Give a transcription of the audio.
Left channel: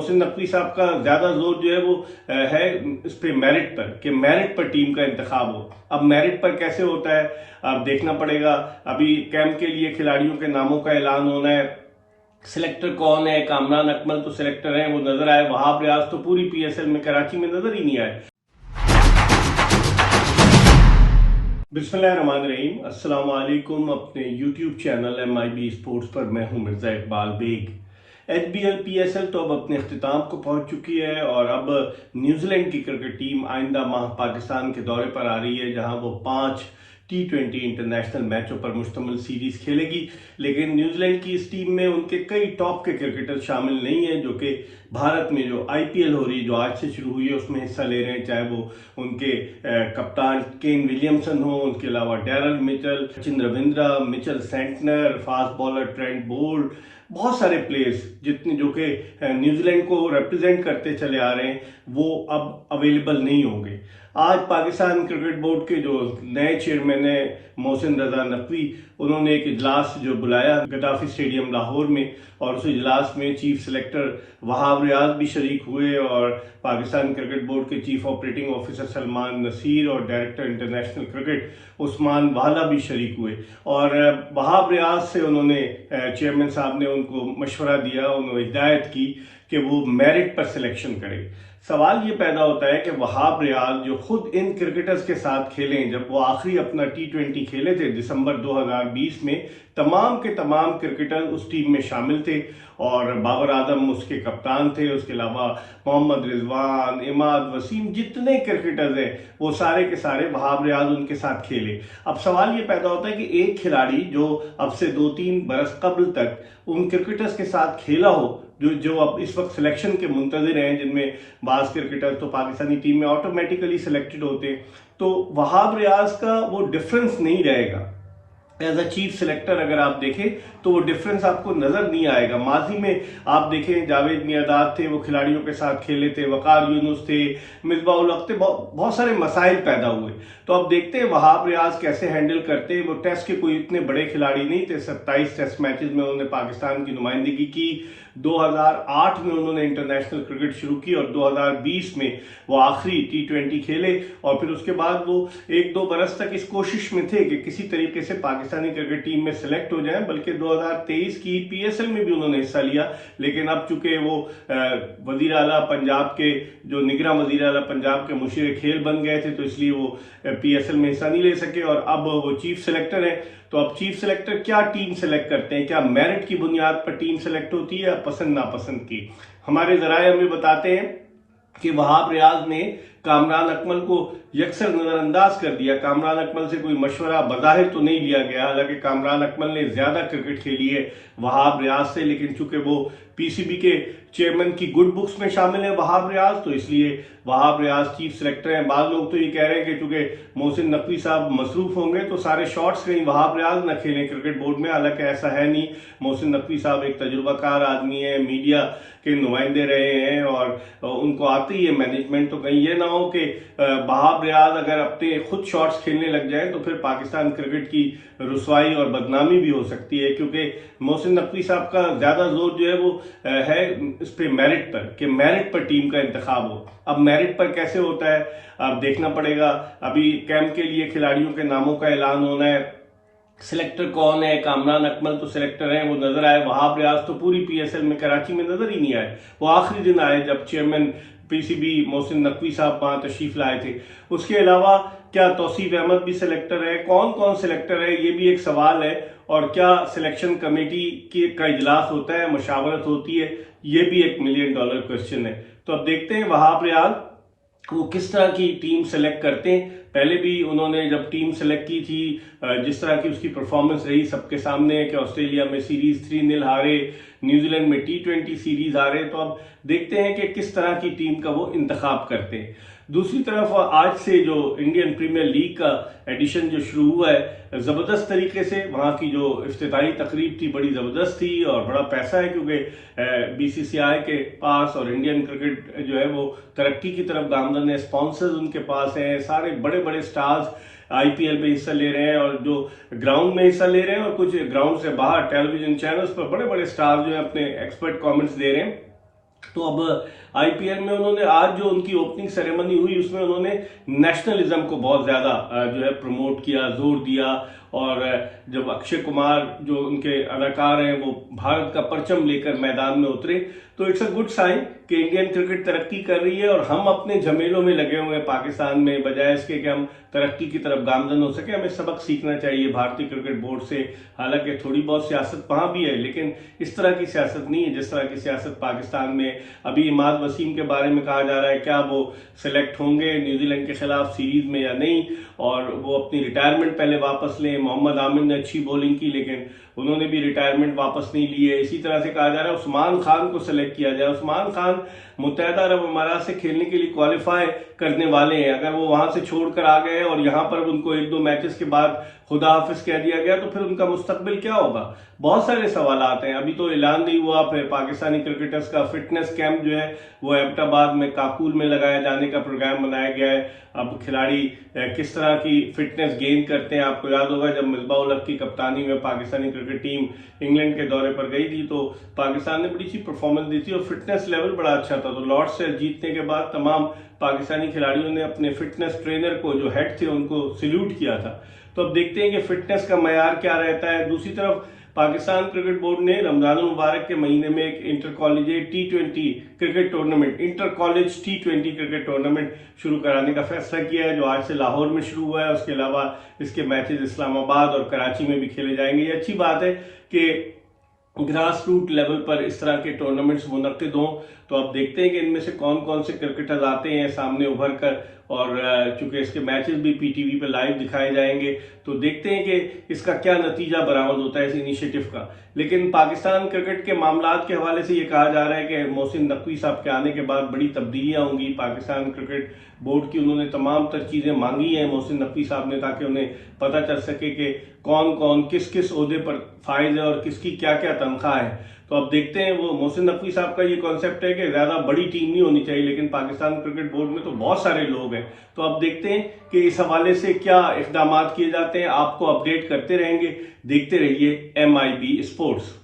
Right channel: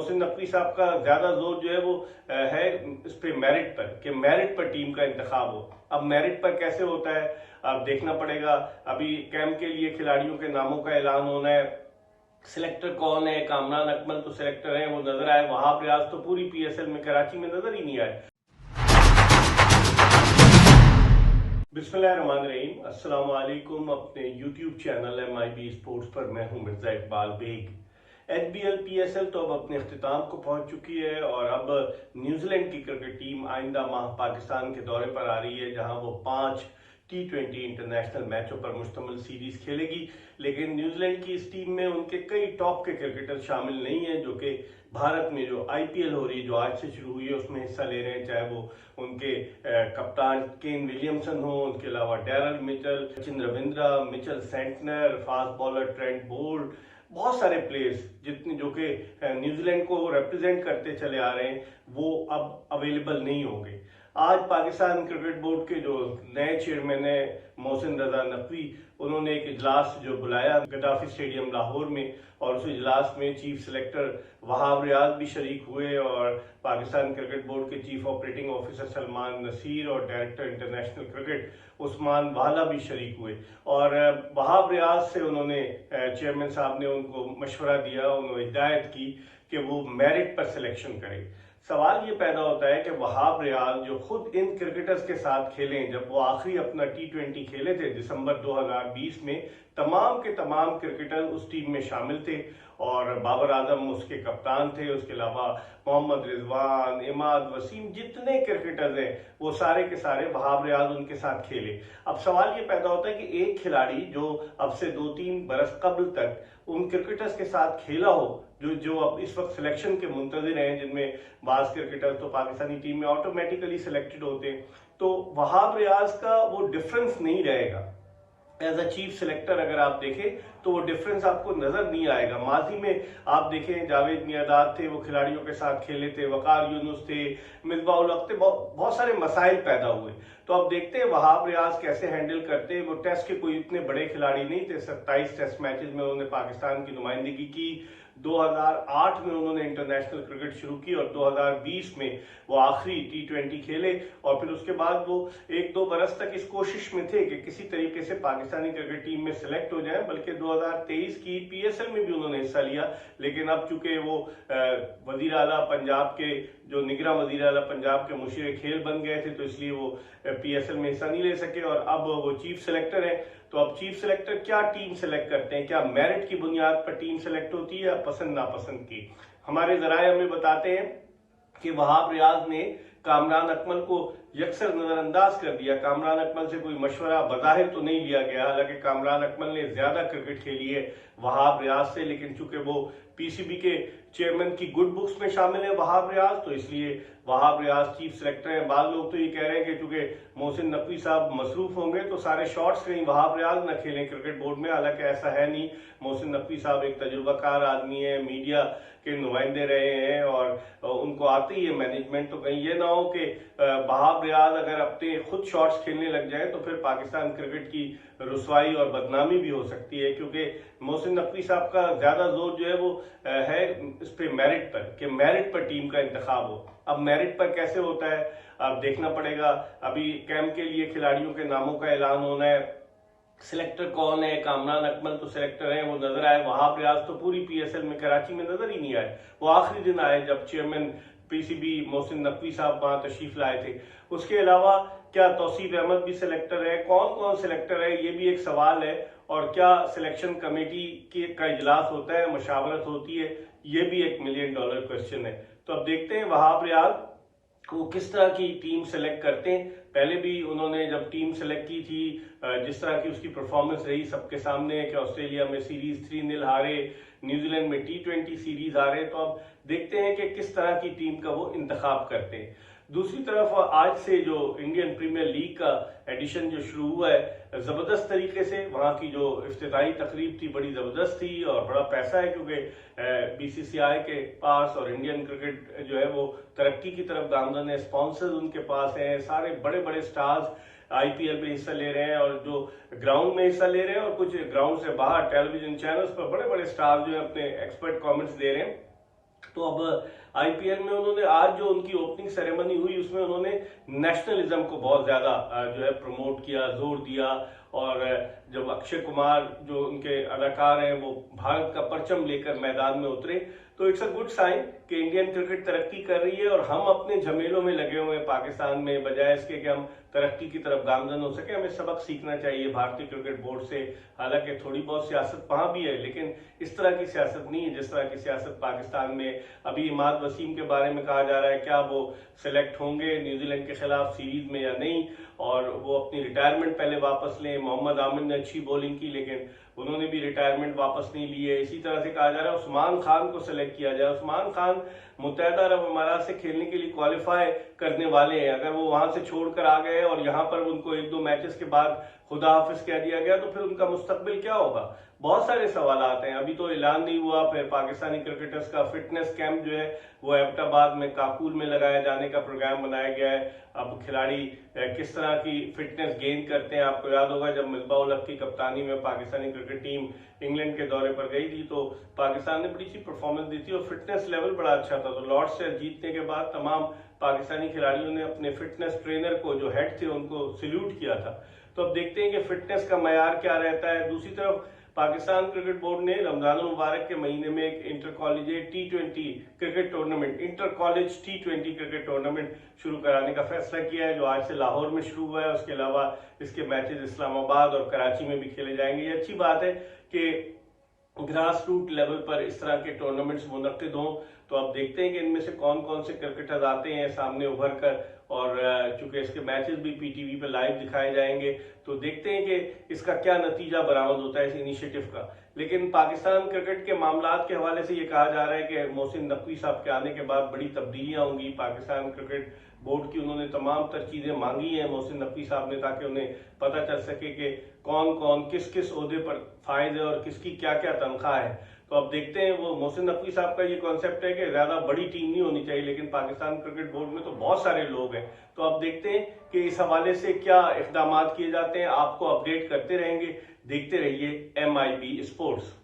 मोहसिन नकवी साहब का ज़्यादा जोर जो है वो है इस पे मेरिट पर, कि मेरिट पर टीम का इंतखाब हो। अब मेरिट पर कैसे होता है अब देखना पड़ेगा। अभी कैंप के लिए खिलाड़ियों के नामों का ऐलान होना है। सिलेक्टर कौन है? कामरान अकमल तो सिलेक्टर हैं, वो नजर आए। वहाब रियाज तो पूरी पीएसएल में कराची में नजर ही नहीं आए। बिस्मिल्लाहिर्रहमानिर्रहीम, अस्सलाम वालेकुम। अपने यूट्यूब चैनल MIB स्पोर्ट्स पर मैं हूं मिर्ज़ा इकबाल बेग। HBL PSL तो अब अपने अख्तिताम को पहुंच चुकी है और अब न्यूजीलैंड की क्रिकेट टीम आइंदा माह पाकिस्तान के दौरे पर आ रही है, जहां वो 5 T20 इंटरनेशनल मैचों पर मुश्तमिल सीरीज खेलेगी। लेकिन न्यूजीलैंड की इस टीम में उनके कई टॉप के क्रिकेटर शामिल नहीं है, जो कि भारत में जो IPL हो रही है, जो आज से शुरू हुई है, उसमें हिस्सा ले रहे हैं। चाहे वो उनके कप्तान केन विलियमसन हो, उनके अलावा Daryl Mitchell, Sachin Ravindra, Mitchell Santner, fast bowler Trent Boult, बहुत सारे प्लेयर्स जितने जो कि न्यूजीलैंड को रिप्रेजेंट करते चले आ रहे हैं, वो अब अवेलेबल नहीं होंगे। आज पाकिस्तान क्रिकेट बोर्ड के जो नए चेयरमैन है मोहसिन रजा नकवी, उन्होंने एक इजलास जो बुलाया गद्दाफी स्टेडियम लाहौर में, और उस इजलास में चीफ सेलेक्टर वहाब रियाज भी शरीक हुए और पाकिस्तान क्रिकेट बोर्ड के chief operating officer Salman Naseer और डायरेक्टर इंटरनेशनल क्रिकेट उस्मान वाला भी शरीक हुए। और वहाब रियाज से उन्होंने चेयरमैन साहब ने उनको मशवरा दिया, उन्होंने हिदायत की कि वो मेरिट पर सिलेक्शन करें। सवाल ये पैदा होता है कि वहाब रियाज जो खुद इन क्रिकेटर्स के साथ खेलें, जब वो आखिरी अपना T20 खेले थे दिसंबर 2020 में, तमाम के तमाम क्रिकेटर उस टीम में शामिल थे और बाबर आजम उसके कप्तान थे। उसके अलावा मोहम्मद रिजवान, इमाद वसीम, जितने क्रिकेटर्स हैं वो सारे के सारे वहाब रियाज उनके साथ खेले। अब सवाल ये पैदा होता है कि एक खिलाड़ी जो अब से 2-3 बरस कबल तक उन क्रिकेटर्स के साथ खेला हो, जो अब इस वक्त सिलेक्शन के मुंतजिर हैं, जिनमें बाज क्रिकेटर्स तो पाकिस्तानी टीम में ऑटोमेटिकली सिलेक्टेड होते हैं, तो वहाब रियाज का वो डिफरेंस नहीं रहेगा। एज अ चीफ सिलेक्टर अगर आप देखें तो वो डिफरेंस आपको नजर नहीं आएगा। माजी में आप देखें जावेद मियादाद थे, वो खिलाड़ियों के साथ खेले थे, वकार यूनुस थे, मिसबाउल हक थे, बहुत सारे मसाइल पैदा हुए। तो अब देखते हैं वहाब रियाज कैसे हैंडल करते हैं। वो टेस्ट के कोई इतने बड़े खिलाड़ी नहीं थे, 27 टेस्ट मैचेस में उन्होंने पाकिस्तान की नुमाइंदगी की। 2008 में उन्होंने इंटरनेशनल क्रिकेट शुरू की और 2020 में वो आखिरी T20 खेले, और फिर उसके बाद वो 1-2 बरस तक इस कोशिश में थे कि किसी तरीके से पाकिस्तानी क्रिकेट टीम में सिलेक्ट हो जाएं। बल्कि 2023 की PSL में भी उन्होंने हिस्सा लिया, लेकिन अब चूंकि वो वजीर आला पंजाब के जो निगरान वजीर आला पंजाब के मुशीर खेल बन गए थे, तो इसलिए वो PSL में हिस्सा नहीं ले सके और अब वो चीफ सिलेक्टर हैं। तो अब चीफ सिलेक्टर क्या टीम सेलेक्ट करते हैं? क्या मेरिट की बुनियाद पर टीम सेलेक्ट होती है या पसंद नापसंद की? हमारे जराए हमें बताते हैं कि वहाब रियाज ने कामरान अकमल को यकसर नजरअंदाज कर दिया। कामरान अकमल से कोई मशवरा बज़ाहिर तो नहीं लिया गया, हालांकि कामरान अकमल ने ज्यादा क्रिकेट खेली है वहाब रियाज से, लेकिन चूंकि वो PCB के चेयरमैन की गुड बुक्स में शामिल है वहाब रियाज, तो इसलिए वहाब रियाज चीफ सेलेक्टर हैं। बाद लोग तो ये कह रहे हैं कि चूंकि मोहसिन नकवी साहब मसरूफ होंगे तो सारे शॉट्स कहीं वहाब रियाज न खेलें क्रिकेट बोर्ड में, हालांकि ऐसा है नहीं। मोहसिन नकवी साहब एक तजुर्बाकार आदमी है, मीडिया के नुमाइंदे रहे हैं और उनको आती है मैनेजमेंट। तो कहीं ये ना हो कि वहाब रियाज अगर अपने खुद शॉट्स खेलने लग जाए तो फिर पाकिस्तान क्रिकेट की रुसवाई और बदनामी भी हो सकती है, क्योंकि मोहसिन नकवी साहब का ज्यादा जोर जो है वो है इस पे मेरिट पर, कि मेरिट पर टीम का इंतखाब हो। अब मेरिट पर कैसे होता है अब देखना पड़ेगा। अभी कैंप के लिए खिलाड़ियों के नामों का ऐलान होना है। सिलेक्टर कौन है? कामरान अकमल तो सिलेक्टर हैं, वो नजर आए। वहाब रियाज तो पूरी PSL में कराची में नजर ही नहीं आए। वो आखिरी दिन आए जब चेयरमैन PCB मोहसिन नकवी साहब वहां तशरीफ लाए थे। उसके अलावा क्या तौसीफ अहमद भी सिलेक्टर है? कौन कौन सिलेक्टर है, ये भी एक सवाल है। और क्या सिलेक्शन कमेटी का इजलास होता है, मशावरत होती है, ये भी एक $1 मिलियन क्वेश्चन है। तो अब देखते हैं वहाब रियाज वो किस तरह की टीम सेलेक्ट करते हैं। पहले भी उन्होंने जब टीम सेलेक्ट की थी, जिस तरह की उसकी परफॉर्मेंस रही सबके सामने है कि ऑस्ट्रेलिया में सीरीज 3-0 हारे, न्यूजीलैंड में T20 सीरीज हारे। तो अब देखते हैं कि किस तरह की टीम का वो इंतखाब करते हैं। दूसरी तरफ आज से जो इंडियन प्रीमियर लीग का एडिशन जो शुरू हुआ है ज़बरदस्त तरीके से, वहाँ की जो इफ्तिताही तकरीब थी बड़ी ज़बरदस्त थी और बड़ा पैसा है, क्योंकि BCCI के पास और इंडियन क्रिकेट जो है वो तरक्की की तरफ गामजन है, स्पॉन्सर्स उनके पास हैं, सारे बड़े बड़े स्टार्स IPL में हिस्सा ले रहे हैं और जो ग्राउंड में हिस्सा ले रहे हैं और कुछ ग्राउंड से बाहर टेलीविजन चैनल्स पर बड़े बड़े स्टार्स जो है अपने एक्सपर्ट कमेंट्स दे रहे हैं। तो अब आईपीएल में उन्होंने आज जो उनकी ओपनिंग सेरेमनी हुई उसमें उन्होंने नेशनलिज्म को बहुत ज़्यादा जो है प्रमोट किया, जोर दिया। और जब अक्षय कुमार जो उनके अदाकार हैं वो भारत का परचम लेकर मैदान में उतरे तो इट्स अ गुड साइन कि इंडियन क्रिकेट तरक्की कर रही है और हम अपने झमेलों में लगे हुए हैं पाकिस्तान में, बजाय इसके कि हम तरक्की की तरफ गामजन हो सके। हमें सबक सीखना चाहिए भारतीय क्रिकेट बोर्ड से। हालांकि थोड़ी बहुत सियासत वहाँ भी है, लेकिन इस तरह की सियासत नहीं है जिस तरह की सियासत पाकिस्तान में। अभी इमाद वसीम के बारे में कहा जा रहा है क्या वो सिलेक्ट होंगे न्यूजीलैंड के खिलाफ सीरीज में या नहीं, और वो अपनी रिटायरमेंट पहले वापस लें। मोहम्मद आमिर ने अच्छी बॉलिंग की लेकिन उन्होंने भी रिटायरमेंट वापस नहीं ली है। इसी तरह से कहा जा रहा है उस्मान खान को सिलेक्ट किया जाए। उस्मान खान मुत्तहदा अरब अमारात से खेलने के लिए क्वालिफाई करने वाले हैं। अगर वो वहां से छोड़कर आ गए और यहाँ पर उनको एक दो मैचेस के बाद खुदा हाफिज कह दिया गया तो फिर उनका मुस्तकबिल क्या होगा? बहुत सारे सवाल आते हैं। अभी तो ऐलान नहीं हुआ, फिर पाकिस्तानी क्रिकेटर्स का फिटनेस कैंप जो है वो एबटाबाद में काकुल में लगाया जाने का प्रोग्राम बनाया गया है। अब खिलाड़ी किस तरह की फिटनेस गेन करते हैं, आपको याद होगा जब मिसबाह-उल हक की कप्तानी में पाकिस्तानी क्रिकेट टीम इंग्लैंड के दौरे पर गई थी तो पाकिस्तान ने बड़ी सी परफॉर्मेंस दी थी और फिटनेस लेवल बड़ा अच्छा था। तो लॉर्ड्स से जीतने के बाद तमाम पाकिस्तानी खिलाड़ियों ने अपने फिटनेस ट्रेनर को, जो हेड थे, उनको सल्यूट किया था। तो अब देखते हैं कि फिटनेस का मयार क्या रहता है। दूसरी तरफ पाकिस्तान क्रिकेट बोर्ड ने रमजान मुबारक के महीने में एक inter college T20 cricket tournament, inter college T20 cricket tournament शुरू कराने का फैसला किया है, जो आज से लाहौर में शुरू हुआ है। उसके अलावा इसके मैचेस इस्लामाबाद और कराची में भी खेले जाएंगे। ये अच्छी बात है कि ग्रास रूट लेवल पर इस तरह के टूर्नामेंट्स मुनक्किद हों। तो अब देखते हैं कि इनमें से कौन कौन से क्रिकेटर्स आते हैं सामने उभर कर, और चूंकि इसके मैचेस भी पीटीवी पे लाइव दिखाए जाएंगे तो देखते हैं कि इसका क्या नतीजा बरामद होता है इस इनिशिएटिव का। लेकिन पाकिस्तान क्रिकेट के मामलात के हवाले से ये कहा जा रहा है कि मोहसिन नकवी साहब के आने के बाद बड़ी तब्दीलियां होंगी पाकिस्तान क्रिकेट बोर्ड की। उन्होंने तमाम तर चीज़ें मांगी हैं मोहसिन नकवी साहब ने, ताकि उन्हें पता चल सके कि कौन कौन किस किस ओहदे पर फायज है और किसकी क्या क्या तनख्वाह है। तो अब देखते हैं। वो मोहसिन नकवी साहब का ये कॉन्सेप्ट है कि ज़्यादा बड़ी टीम नहीं होनी चाहिए, लेकिन पाकिस्तान क्रिकेट बोर्ड में तो बहुत सारे लोग हैं। तो अब देखते हैं कि इस हवाले से क्या इक़दाम किए जाते हैं। आपको अपडेट करते रहेंगे। देखते रहिए MIB स्पोर्ट्स।